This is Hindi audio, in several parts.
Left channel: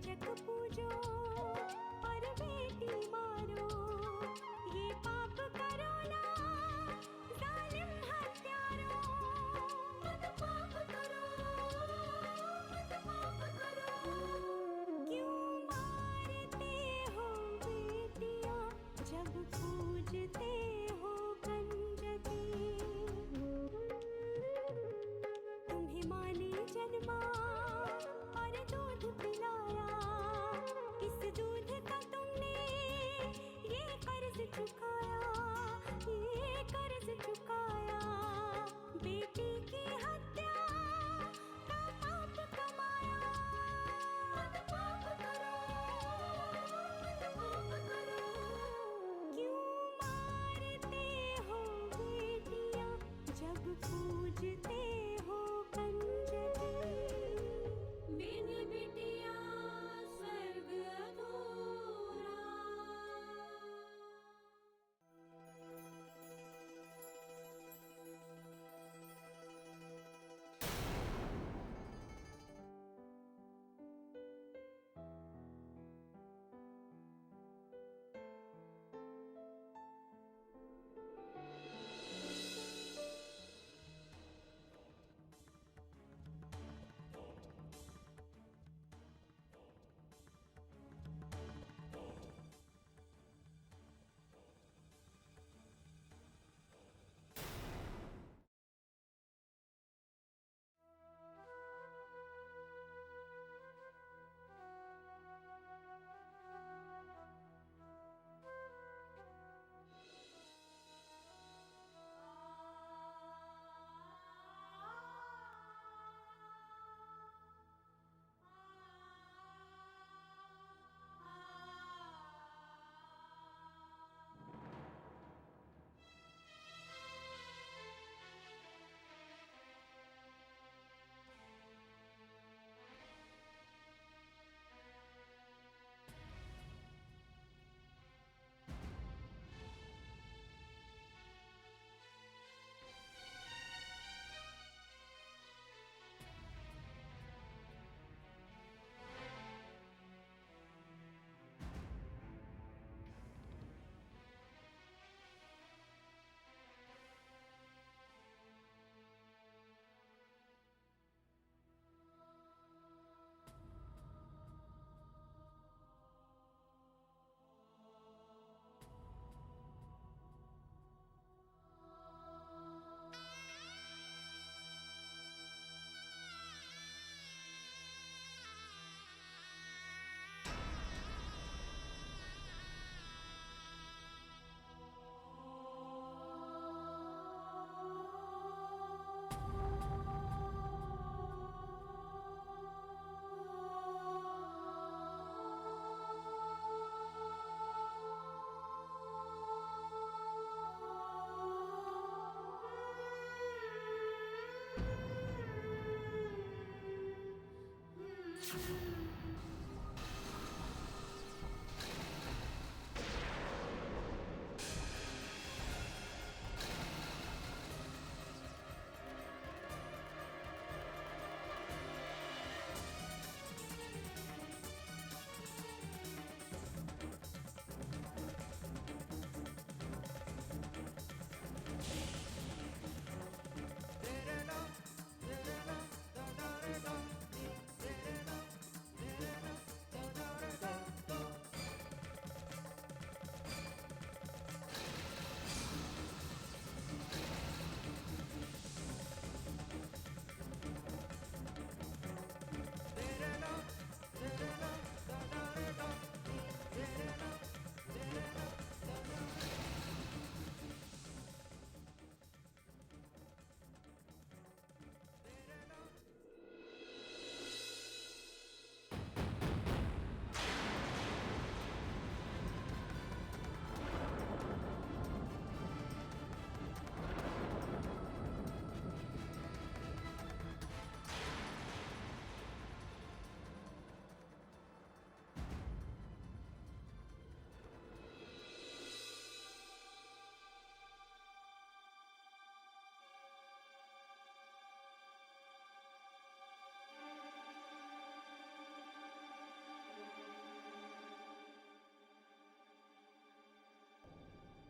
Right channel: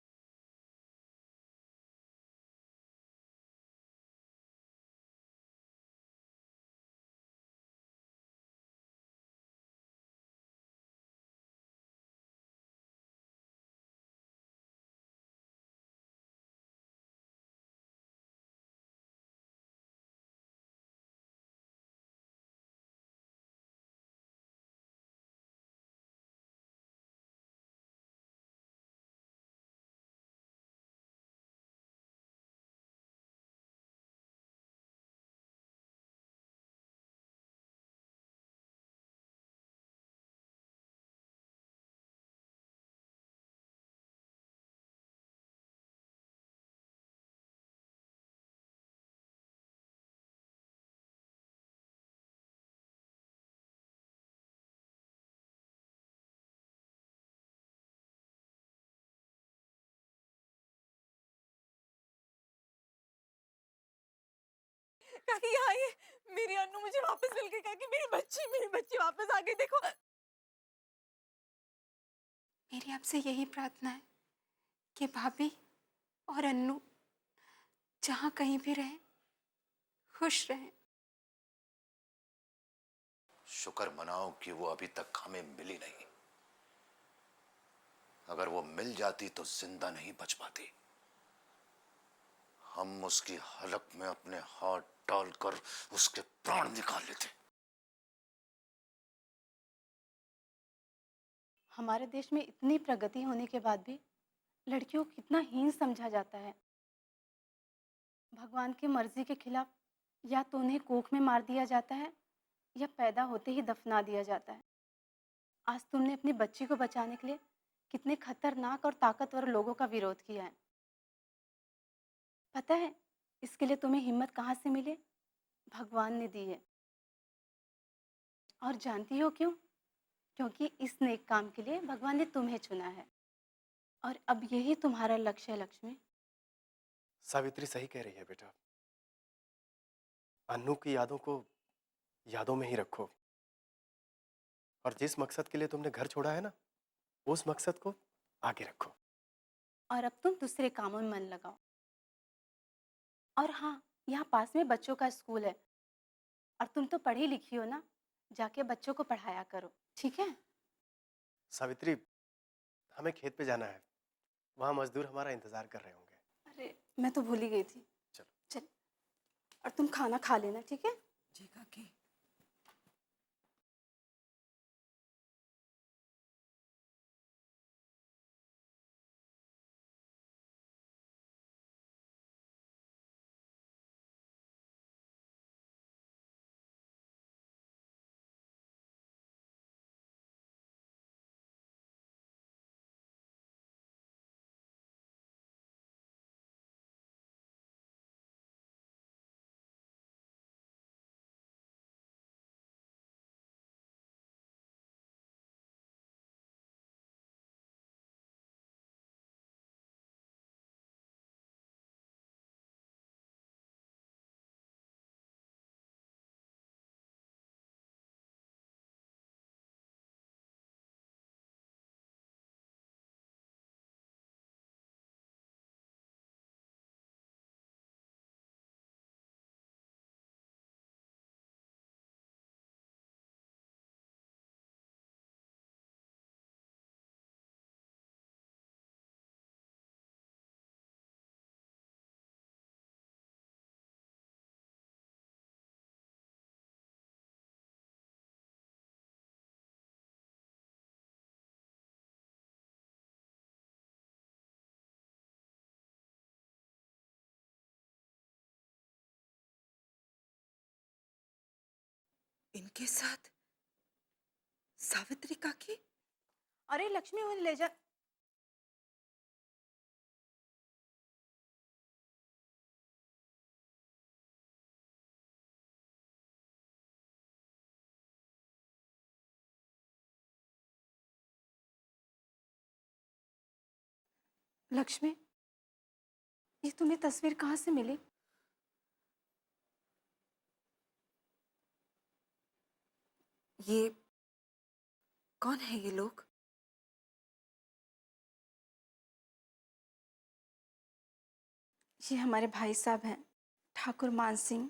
कंजक पूजो और बेटी मारो, ये पाप करो ना जालिम हत्यारों। मत पाप करो, मत पाप करो। क्यों मारते हो बेटियां जब पूजते हो कंजकी। तुम्हें माँ ने जन्मा और दूध पिलाया, इस दूध का तुमने ये कर्ज चुकाया, ये कर्ज चुकाया। बेटी की हत्या का पाप कमाया। मत पाप करो, मत पाप करो। क्यों मारते हो बेटियां जब पूजते हो कंजकी। मेरी बिटिया स्वर्ग अधूरा। काकी आइए, मेरी अन्नू मुझे वापस मिल गई। काकी मेरी बच्ची वापस आ गई। देखो, मेरी आपसे यही प्रार्थना है कि भाभी और अन्नू जहाँ कहीं भी रहे खुश रहे। शुक्र मनाओ कि वो अभी तक हमें मिली नहीं। अगर वो मिल जाती तो जिंदा नहीं बच पाती। हम उसकी हलक में अपने हाथ डालकर उसके प्राण निकाल लेते। हमारे देश में इतनी प्रगति होने के बाद भी लड़कियों को कितना हीन समझा जाता है। भगवान की मर्जी के खिलाफ या तो उन्हें कोख में मार दिया जाता है या पैदा होते ही दफना दिया जाता है। आज तुमने अपनी बच्ची को बचाने के लिए कितने खतरनाक और ताकतवर लोगों का विरोध किया है। पता है इसके लिए तुम्हें हिम्मत कहाँ से मिले? भगवान ने दी है। और जानती हो क्यों? क्योंकि इस नेक काम के लिए भगवान ने तुम्हें चुना है और अब यही तुम्हारा लक्ष्य है लक्ष्मी। सावित्री सही कह रही है बेटा। अन्नू की यादों को यादों में ही रखो और जिस मकसद के लिए तुमने घर छोड़ा है ना, उस मकसद को आगे रखो। और अब तुम दूसरे कामों में मन लगाओ। और हाँ, यहाँ पास में बच्चों का स्कूल है और तुम तो पढ़ी लिखी हो ना, जाके बच्चों को पढ़ाया करो, ठीक है? सावित्री, हमें खेत पे जाना है। वहाँ मजदूर हमारा इंतजार कर रहे होंगे। अरे मैं तो भूल ही गई थी। चलो चल, और तुम खाना खा लेना, ठीक है? जी काकी। इनके साथ सावित्री काकी। अरे लक्ष्मी, उन्हें ले जा। लक्ष्मी, ये तुम्हें तस्वीर कहाँ से मिली? ये कौन है ये लोग? ये हमारे भाई साहब हैं, ठाकुर मान सिंह।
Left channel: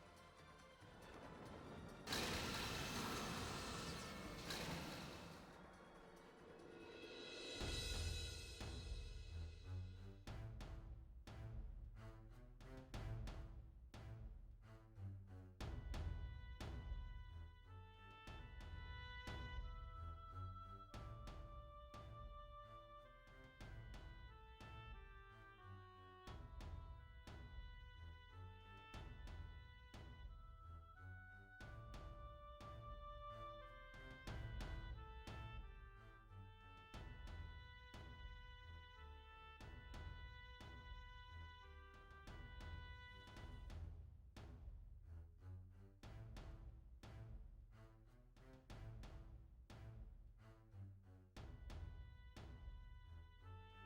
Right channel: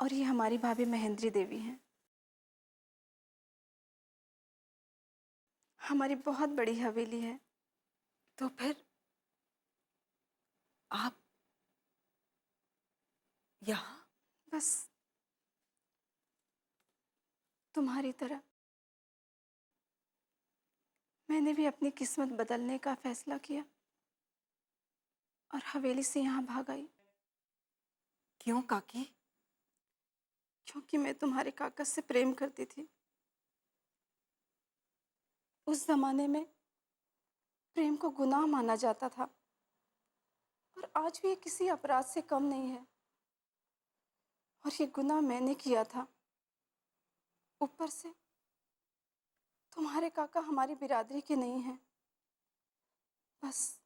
और ये हमारी भाभी महेंद्री देवी हैं। हमारी बहुत बड़ी हवेली है। तो फिर आप यहाँ? बस तुम्हारी तरह मैंने भी अपनी किस्मत बदलने का फैसला किया और हवेली से यहाँ भाग आई। क्यों काकी? क्योंकि मैं तुम्हारे काका से प्रेम करती थी। उस जमाने में प्रेम को गुनाह माना जाता था और आज भी ये किसी अपराध से कम नहीं है। और ये गुनाह मैंने किया था। ऊपर से तुम्हारे काका हमारी बिरादरी के नहीं हैं। बस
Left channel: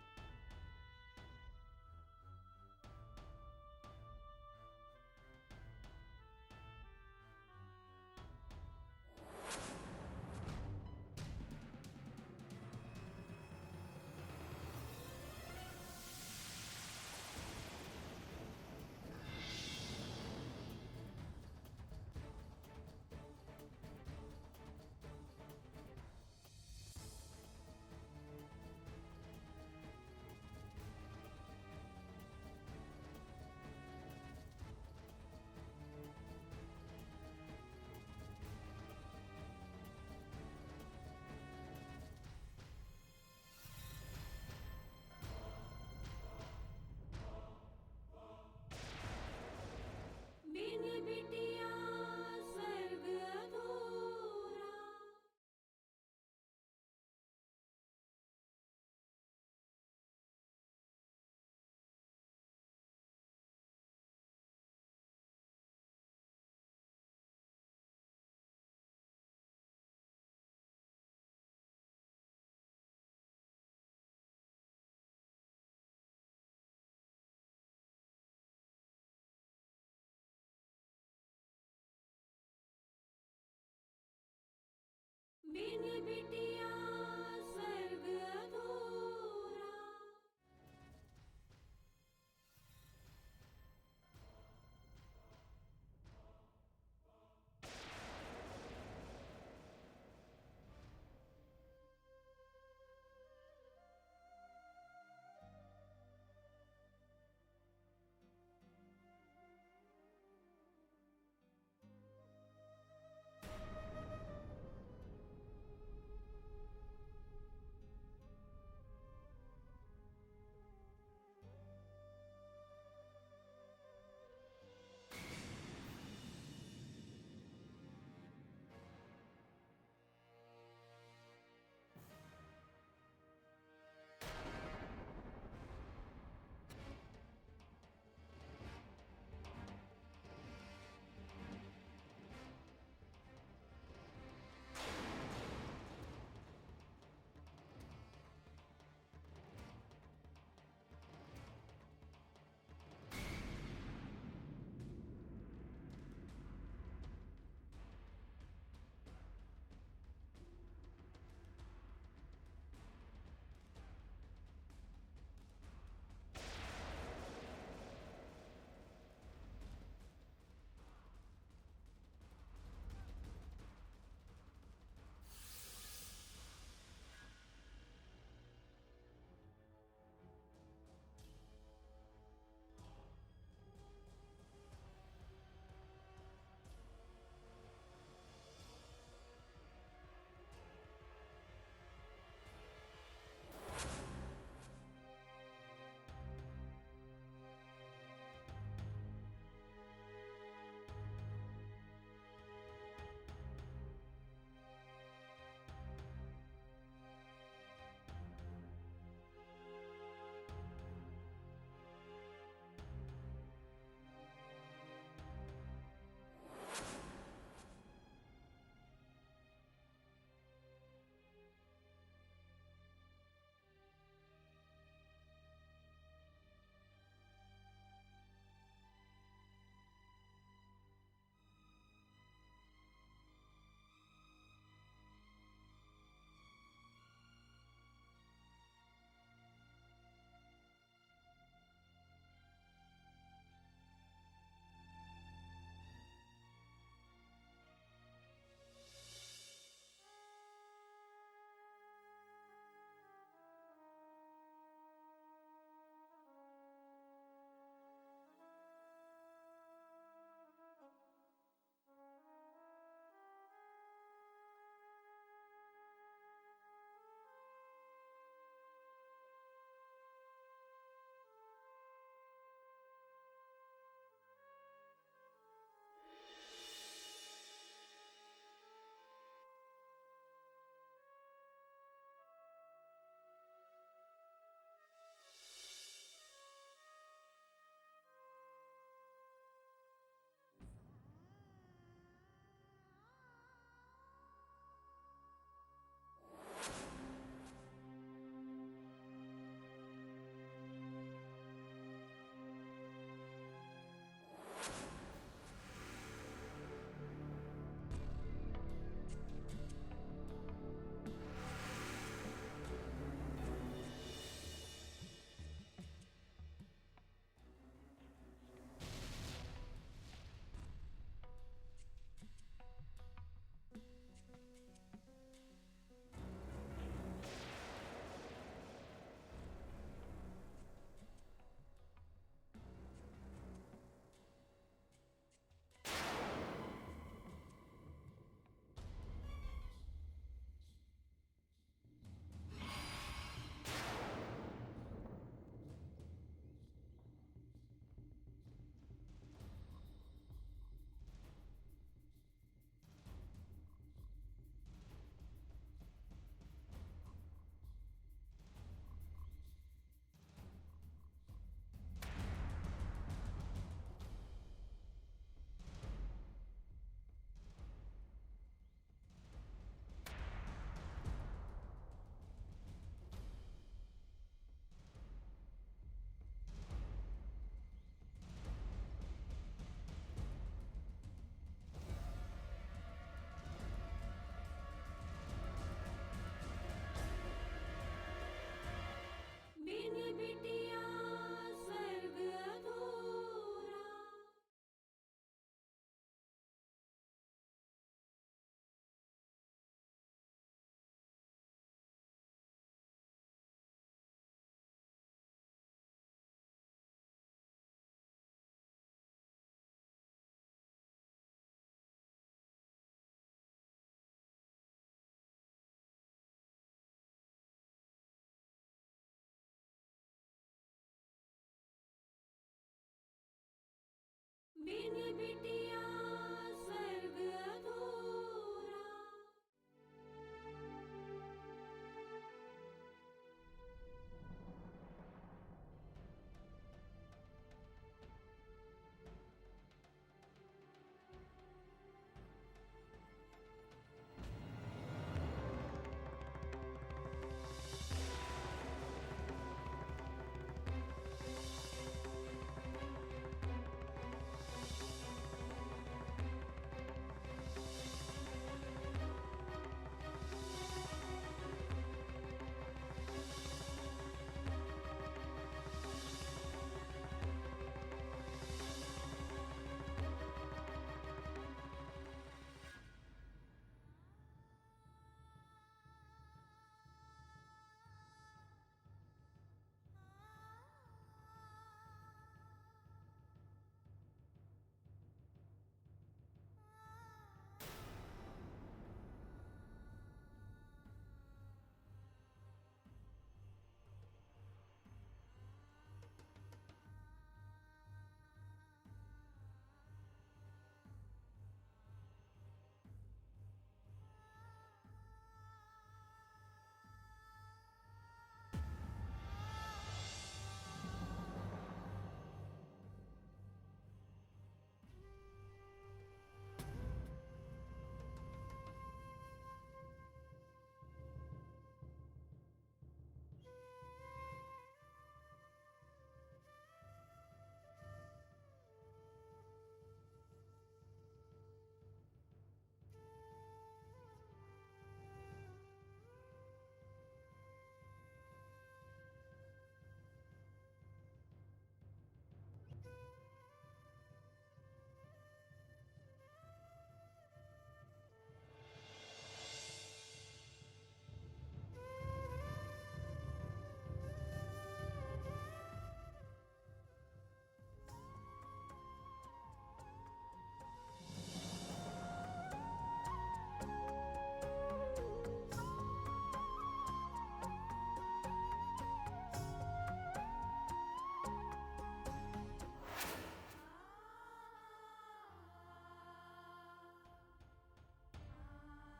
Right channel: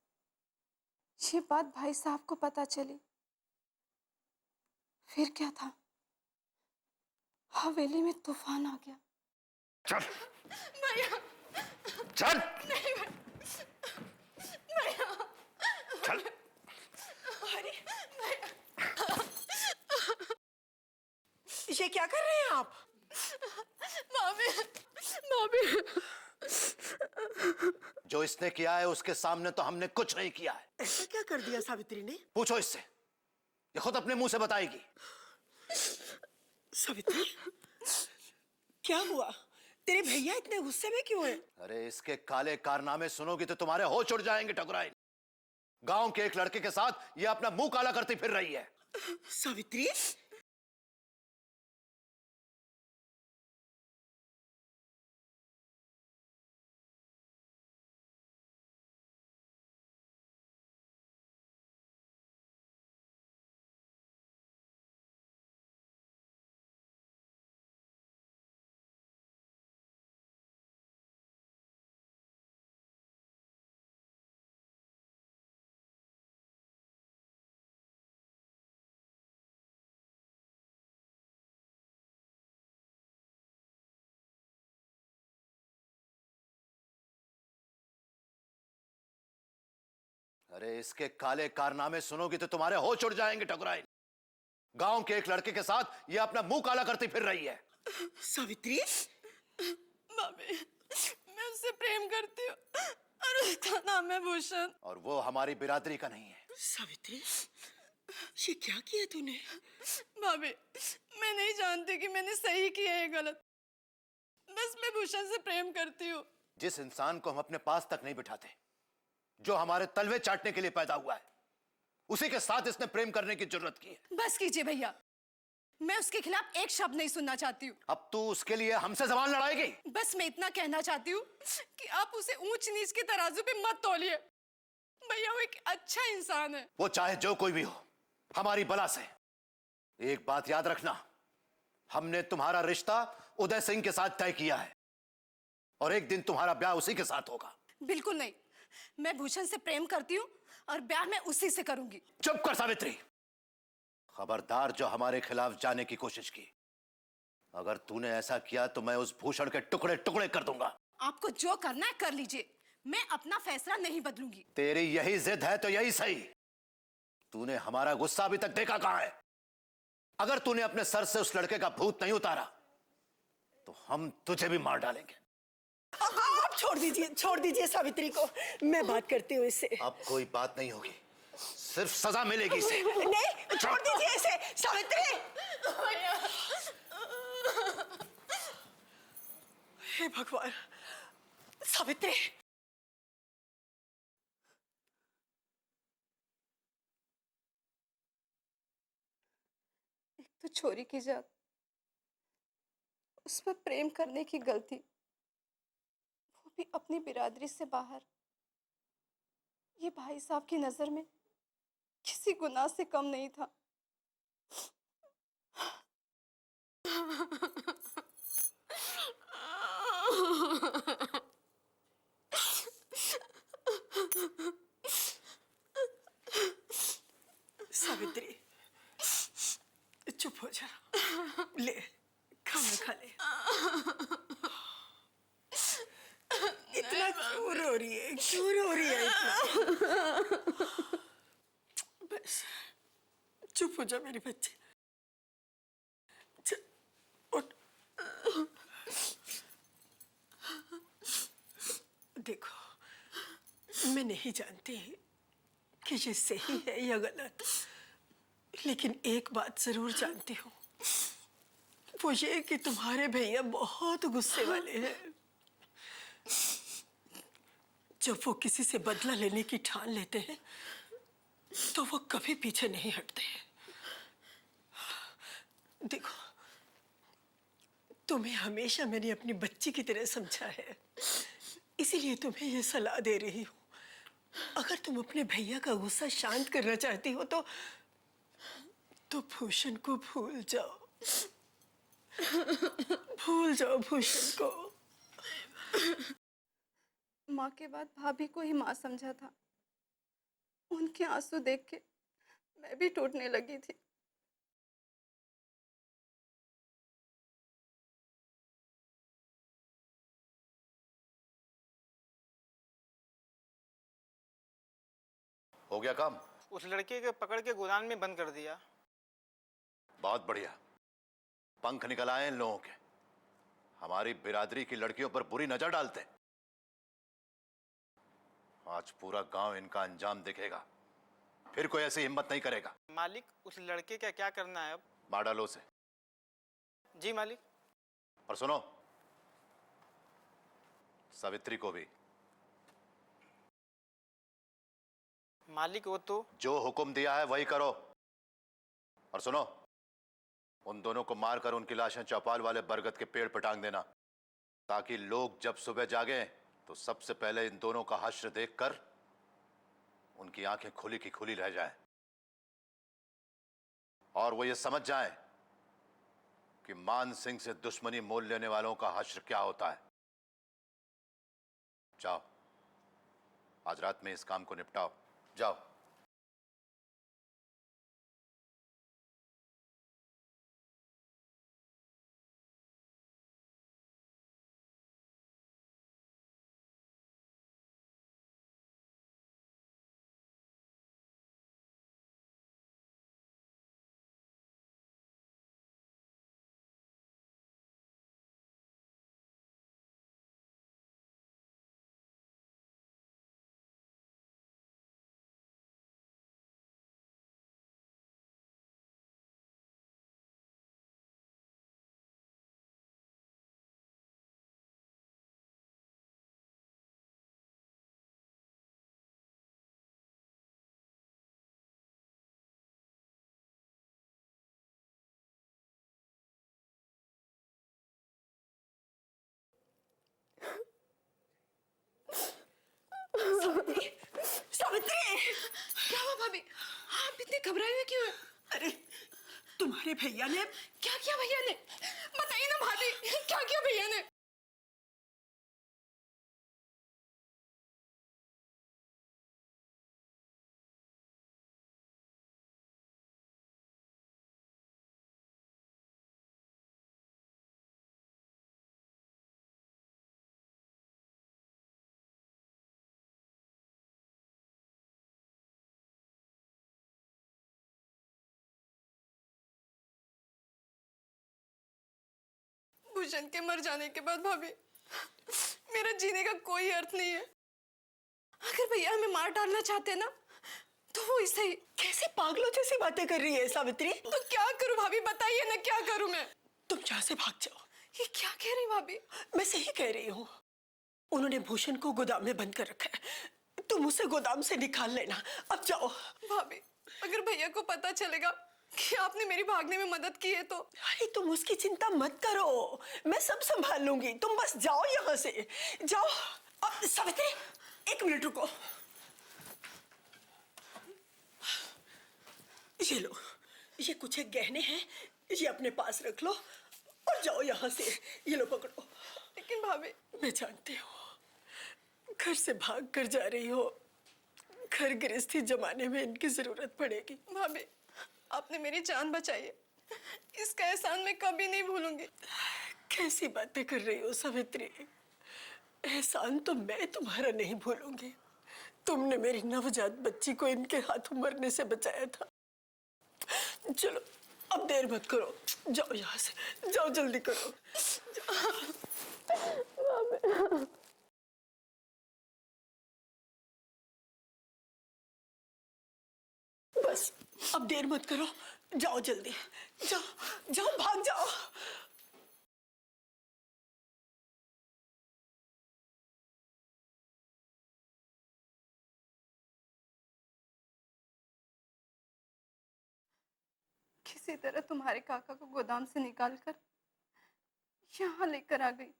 ये बात भाई साहब को पता चली, फिर क्या था, हवेली में तूफान आ गया। चल भैया चल नहीं भैया चल। ये क्या कर रहे हैं आप? भाभी भाभी, जो इसने किया है उसके सामने तो हमने कुछ नहीं किया है। ऐसा क्या कर दिया सावित्री ने? पूछो इससे, ये खुद अपने मुंह से बताएगी। सावित्री, क्या हुआ? तेरे भैया इतने गुस्से में क्यों हैं? अरे इसके काले कारनामे सुनोगी तो तुम्हारे होश उड़ जाएंगे ठकुराइन। गांव के एक लड़के के साथ ये अपना मुंह काला करती फिर रही है। सावित्री, बिन बिटिया स्वर्ग अधूरा। बिन बिटिया स्वर्ग अधूरा। अरे इसके काले कारनामे सुनोगी तो तुम्हारे होश उड़ जाएंगे ठकुराइन। गांव के एक लड़के के साथ ये अपना मुंह काला करती फिर रही है। सावित्री, भाभी मैं उससे प्रेम करती हूँ और उसका नाम है भूषण। और वो हमारी बिरादरी का नहीं है। सावित्री, ये क्या किया तूने? भाभी मैं नहीं जानती कि मैंने सही किया है गलत, बस मैं भूषण से प्रेम करती हूँ। जिस इंसान को हम अपने पास तक नहीं बिठाते, जो हमारे तलवे चाटने के लिए पैदा हुआ है, उसी के साथ इसने प्रेम करने की जरूरत की है। बस कीजिए भैया, मैं उसके खिलाफ एक शब्द नहीं सुनना चाहती हूँ। अब तू उसके लिए हमसे जबान लड़ाएगी? बस मैं इतना कहना चाहती हूँ कि आप उसे ऊंच नीच के तराजू पे मत तौलिए। भैया वो एक अच्छा इंसान है। वो चाहे जो कोई भी हो, हमारी बला से। एक बात याद रखना, हमने तुम्हारा रिश्ता उदय सिंह के साथ तय किया है और एक दिन तुम्हारा ब्याह उसी के साथ होगा। बिल्कुल नहीं, मैं भूषण से प्रेम करती हूँ और ब्याह मैं उसी से करूंगी। चुप कर सावित्री। खबरदार जो हमारे खिलाफ जाने की कोशिश की। अगर तूने ऐसा किया तो मैं उस भूषण के टुकड़े टुकड़े कर दूंगा। आपको जो करना है कर लीजिए, मैं अपना फैसला नहीं बदलूंगी। तेरी यही जिद है तो यही सही। तूने हमारा गुस्सा अभी तक देखा कहां है? अगर तूने अपने सर से उस लड़के का भूत नहीं उतारा तो हम तुझे भी मार डालेंगे। आप छोड़ दीजिए सावित्री को, मैं बात करती हूँ इससे। अब कोई बात नहीं होगी, सिर्फ सजा मिलेगी इसे। नहीं, छोड़ दीजिए इसे। सावित्री, हे भगवान। सावित्री, तो चोरी की जाए, उस पर प्रेम करने की गलती, वो भी अपनी बिरादरी से बाहर। ये भाई साहब की नजर में किसी गुनाह से कम नहीं था। सावित्री, चुप हो जा। ले, खाना खा ले। इतना क्यों रो रही बस चुप हो जा मेरे बच्चे। चल, उठ। देखो मैं नहीं जानती कि ये सही है या गलत, लेकिन एक बात जरूर जानती हूँ, वो ये कि तुम्हारे भैया बहुत गुस्से वाले हैं। जब वो किसी से बदला लेने की ठान लेते हैं तो वो कभी पीछे नहीं हटते हैं। देखो तुम्हें हमेशा मैंने अपनी बच्ची की तरह समझा है, इसीलिए तुम्हें ये सलाह दे रही हूँ। अगर तुम अपने भैया का गुस्सा शांत करना चाहती हो तो भूषण को भूल जाओ। भूल जाओ भूषण को। माँ के बाद भाभी को ही माँ समझा था। उनके आंसू देख के मैं भी टूटने लगी थी। हो गया काम? उस लड़के के पकड़ के गोदाम में बंद कर दिया। बहुत बढ़िया, पंख निकल आए इन लोगों के। हमारी बिरादरी की लड़कियों पर बुरी नजर डालते हैं। आज पूरा गांव इनका अंजाम दिखेगा, फिर कोई ऐसी हिम्मत नहीं करेगा। मालिक, उस लड़के का क्या करना है अब? मार डालो उसे। जी मालिक। और सुनो, सावित्री को भी। मालिक वो तो जो हुक्म दिया है वही करो। और सुनो, उन दोनों को मारकर उनकी लाशें चौपाल वाले बरगद के पेड़ पर टांग देना, ताकि लोग जब सुबह जागे तो सबसे पहले इन दोनों का हश्र देखकर उनकी आंखें खुली की खुली रह जाएं और वो ये समझ जाएं कि मान सिंह से दुश्मनी मोल लेने वालों का हश्र क्या होता है। जाओ, आज रात में इस काम को निपटाओ। जाओ। बिन बिटिया स्वर्ग अधूरा। बिन बिटिया स्वर्ग अधूरा। सावित्री! क्या हुआ भाभी? आप इतने घबराए हुए क्यों हैं? अरे तुम्हारे भैया ने क्या किया भैया ने? बताइए ना भाभी, क्या किया भैया ने? भूषण के मर जाने के बाद भाभी, मेरा जीने का कोई अर्थ नहीं है। अगर भैया हमें मार डालना चाहते हैं ना, तो वो ऐसे ही। कैसे पागलों जैसी बातें कर रही है सावित्री? तो क्या करूं भाभी, बताइए ना क्या करूं मैं? तुम यहाँ से भाग जाओ। ये क्या कह रही भाभी? मैं सही कह रही हूँ। उन्होंने भूषण को गोदाम में बंद कर रखा है, तुम उसे गोदाम से निकाल लेना। अब जाओ। भाभी, अगर भैया को पता चलेगा कि आपने मेरी भागने में मदद की है तो? अरे तुम उसकी चिंता मत करो, मैं सब संभाल लूंगी। तुम बस जाओ यहाँ से, जाओ। अब सावित्री, एक मिनट रुको। ये लो, ये कुछ एक गहने हैं, ये अपने पास रख लो और जाओ यहाँ से। ये लो पकड़ो। लेकिन भाभी, मैं जानती हूँ घर से भाग कर जा रही हो, घर गृहस्थी जमाने में इनकी जरूरत पड़ेगी। भाभी, आपने मेरी जान बचाई है, इसका एहसान मैं कभी नहीं भूलूंगी। कैसी बातें कर रही हो सावित्री? एहसान तो मैं तुम्हारा नहीं भूलूंगी, तुमने मेरी नवजात बच्ची को इनके हाथों मरने से बचाया था। चलो अब देर मत करो, जाओ यहाँ से, जाओ जल्दी करो। बस अब देर मत करो, जाओ जल्दी, जाओ जाओ, भाग जाओ। किसी तरह तुम्हारे काका को गोदाम से निकालकर यहाँ लेकर आ गई।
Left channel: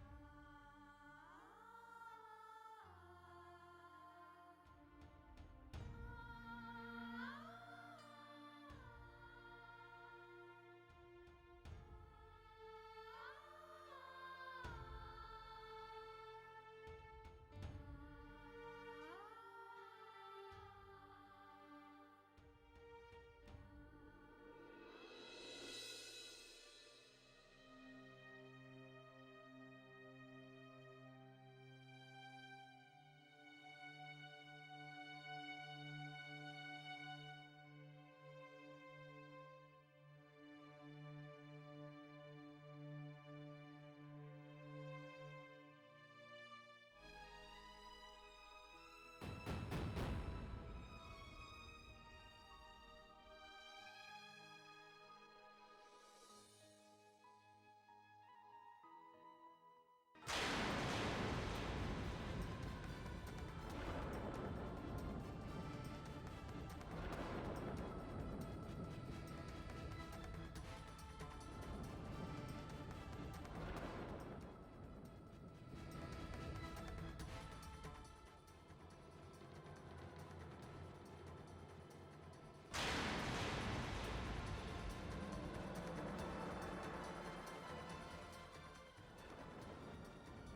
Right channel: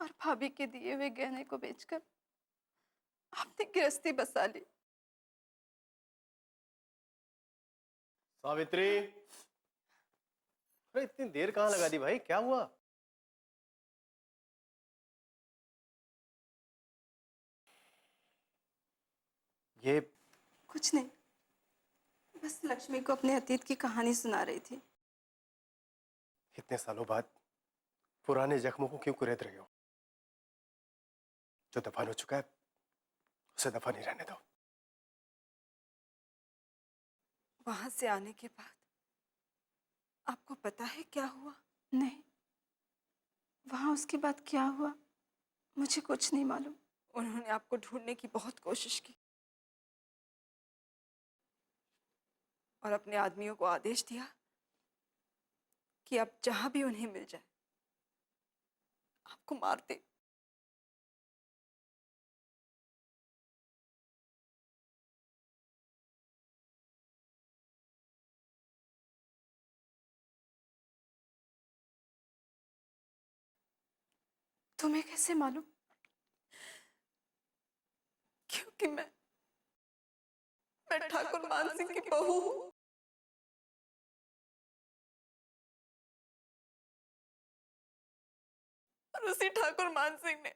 और भाभी के दिए हुए गहने को बेचकर आपने गृहस्थी बसा ली। सावित्री, अरे इतनी देर कहाँ लगा दी भाई, क्या हुआ? ये कुछ नहीं, बस लक्ष्मी को अपने अतीत की कहानी सुना रही थी। इतने सालों बाद पुराने जख्मों को क्यों कुरेद रही हो? जो दफन हो चुका है उसे दफन ही रहने दो। वहां से आने के बाद आपको पता है क्या हुआ? नहीं, वहां उसके बाद क्या हुआ मुझे कुछ नहीं मालूम। उन्होंने आपको ढूंढने की बहुत कोशिश की और अपने आदमियों को आदेश दिया कि आप जहां भी उन्हें मिल जाए आपको मार दे। तुम्हें कैसे मालूम? क्योंकि मैं ठाकुर मान सिंह की बहू हूं। और उसी ठाकुर मान सिंह ने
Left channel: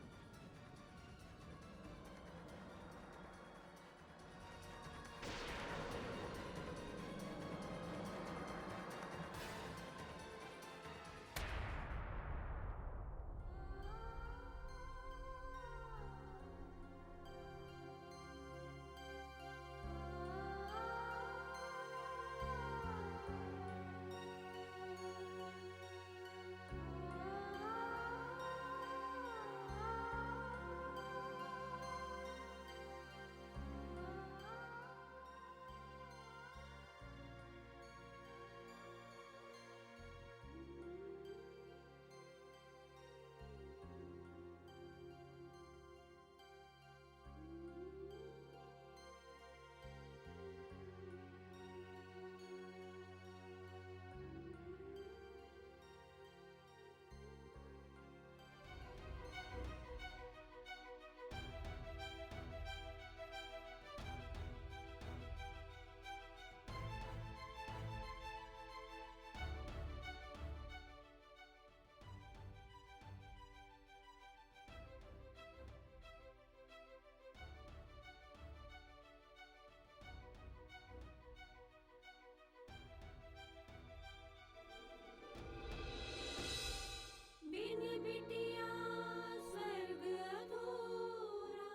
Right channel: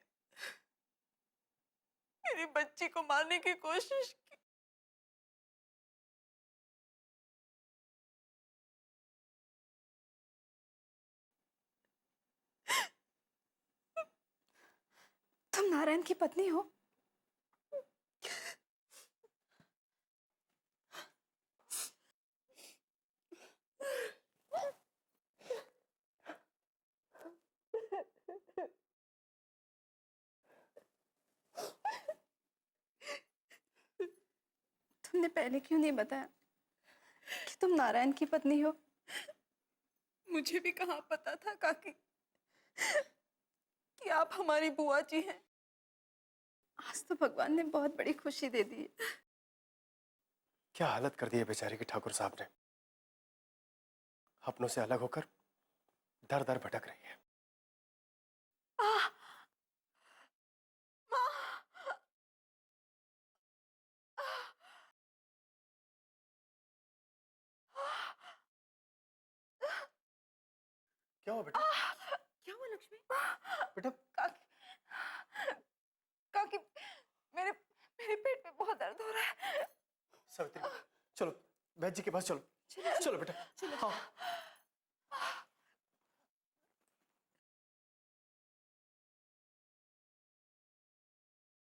मेरी बच्ची को मारने की कोशिश की। तुम नारायण की पत्नी हो? तुमने पहले क्यों नहीं बताया कि तुम नारायण की पत्नी हो? मुझे भी कहाँ पता था काकी कि आप हमारी बुआ जी हैं। आज तो भगवान ने बहुत बड़ी खुशी दे दी है। क्या हालत कर दी है बेचारे की ठाकुर साहब ने। अपनों से अलग होकर दर दर भटक रही है। क्या हुआ बेटा? क्या हुआ लक्ष्मी? बेटा काकी, मेरे पेट में बहुत दर्द हो रहा है। सावित्री, चलो वैद्य जी के पास चलो। चलो बेटा, हाँ। बिन बिटिया स्वर्ग अधूरा।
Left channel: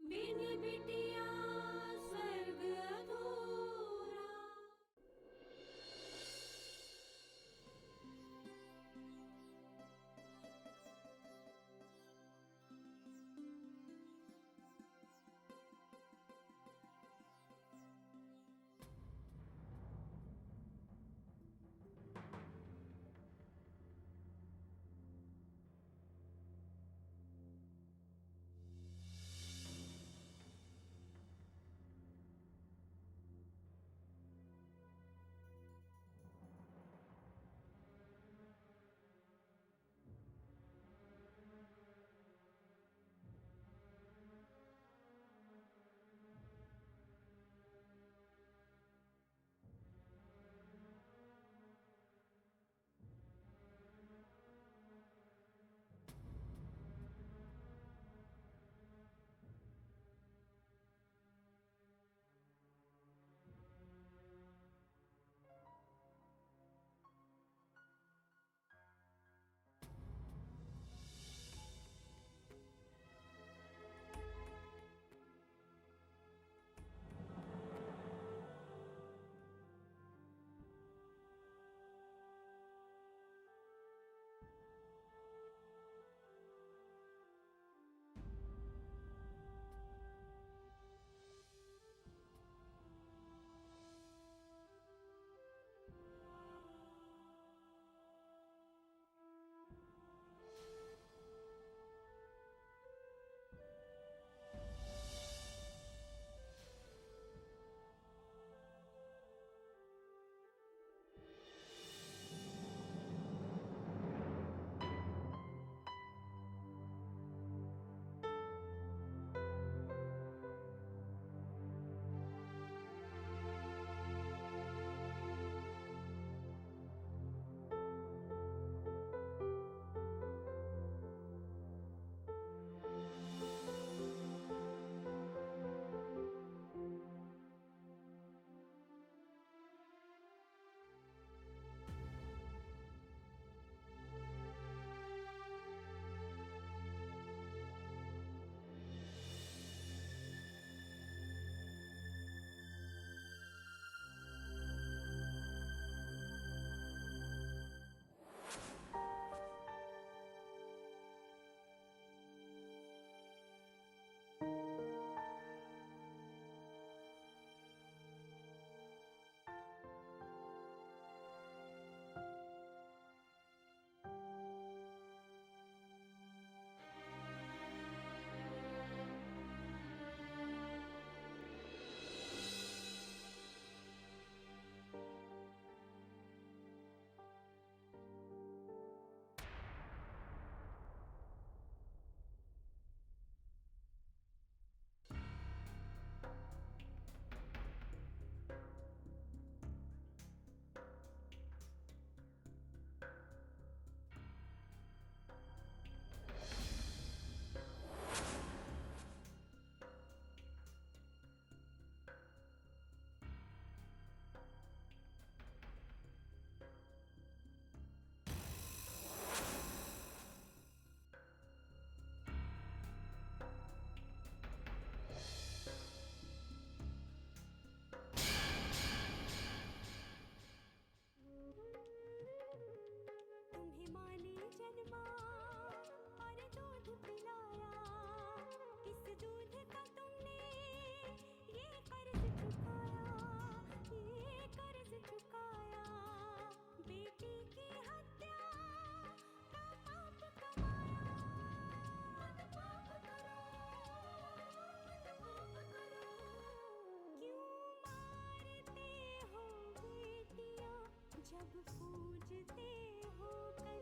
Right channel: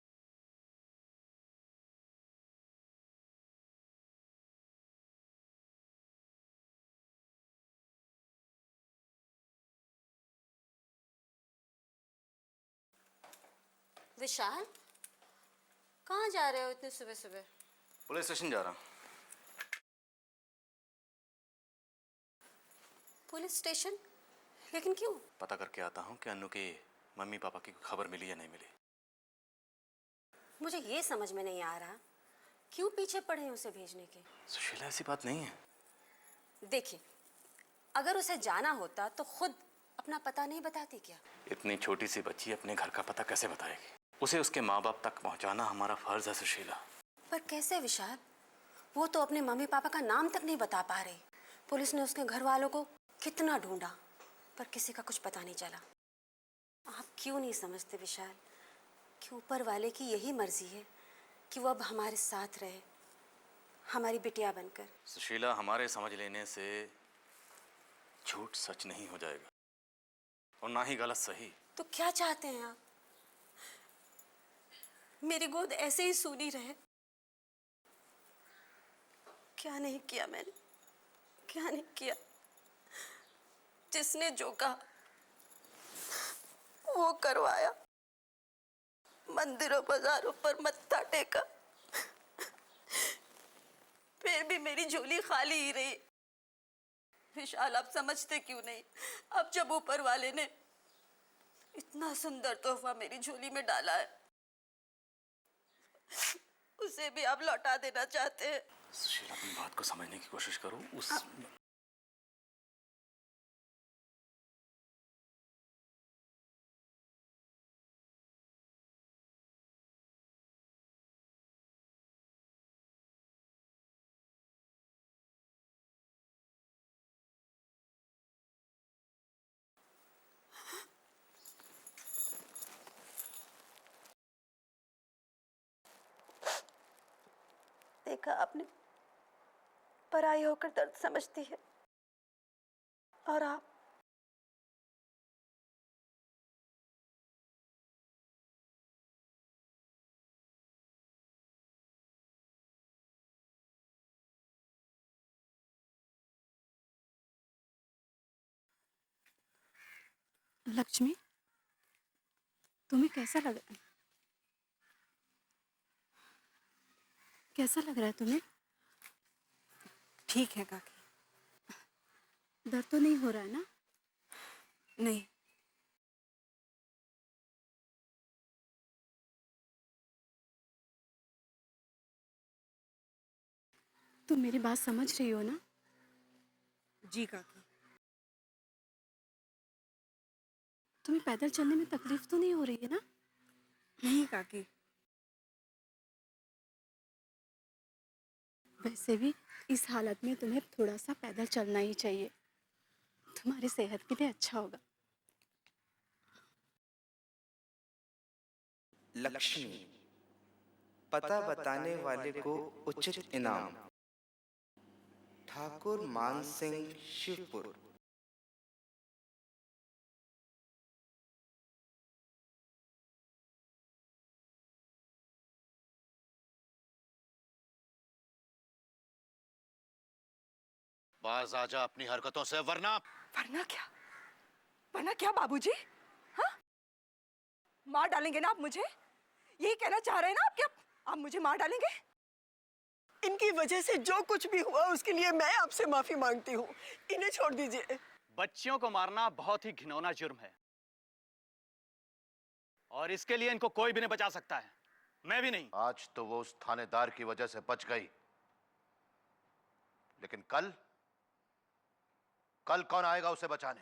बिन बिटिया स्वर्ग अधूरा। विशाल, कहाँ जा रहे हो इतने सुबह सुबह? पुलिस स्टेशन जा रहा हूँ। Police station? लेकिन क्यों? पता करके आता हूँ कि अन्नू की मम्मी पापा की खबर मिली या नहीं मिली। मुझे ये समझ में नहीं आ रहा क्यों पीछे पड़े हैं उसे भेजने के। सुशीला, ऐसी बात नहीं है। देखिए, अगर उसे जाना होता तो खुद अपना पता नहीं बताती क्या? इतनी छोटी सी बच्ची अपने घर का पता कैसे बताएगी? उसे उसके माँ बाप तक पहुंचाना हमारा फर्ज है सुशीला। पर कैसे विशाल? वो तो अपने मम्मी पापा का नाम तक नहीं बता पा रही। पुलिस ने उसके घर वालों को कितना ढूंढा, पर किसी का कुछ पता नहीं चला। आप क्यों नहीं समझते विशाल कि ऊपर वाले की यही मर्जी है कि वो अब हमारे साथ रहे, हमारी बिटिया बनकर। सुशीला, हमारे समझ लेने से झूठ सच नहीं हो जाएगा और ना ही गलत सही। तो क्या चाहते हैं आप? मेरी गोद ऐसे ही सूनी रहे? क्या नहीं किया मैंने, क्या नहीं किया? जिसने जो कहा वो करवाया, मंदिरों बाजारों पर मत्था टेका, फिर भी मेरी झोली खाली ही रही। विशाल, आप समझते क्यों नहीं? अब जब ऊपर वाले ने इतना सुंदर तोहफा मेरी झोली में डाला है, उसे भी आप लौटा देना चाहते हैं। सुशीला, अपनी बात को समझने की कोशिश करो। देखा आपने, पराई होकर दर्द समझती है, और आप लक्ष्मी, तुम्हें कैसा लग रहा है? कैसा लग रहा है तुम्हें? ठीक है काकी। दर्द तो नहीं हो रहा है ना? नहीं। तुम मेरी बात समझ रही हो ना? जी काकी। तुम्हें पैदल चलने में तकलीफ तो नहीं हो रही है ना? नहीं काकी। वैसे भी इस हालत में तुम्हें थोड़ा सा पैदल चलना ही चाहिए, तुम्हारी सेहत के लिए अच्छा होगा। लक्ष्मी, पता बताने वाले को उचित इनाम। ठाकुर मान सिंह, शिवपुर। बाज आजा अपनी हरकतों से, वरना वरना क्या? वरना क्या बाबूजी? हाँ? मार डालेंगे ना आप मुझे? यही कहना चाह रहे हैं ना आप? क्या आप मुझे मार डालेंगे? इनकी वजह से जो कुछ भी हुआ उसके लिए मैं आपसे माफी मांगती हूँ। इन्हें छोड़ दीजिए। बच्चियों को मारना बहुत ही घिनौना जुर्म है और इसके लिए इनको कोई भी नहीं बचा सकता है, मैं भी नहीं। आज तो वो उस थानेदार की वजह से बच गई, लेकिन कल कौन आएगा उसे बचाने?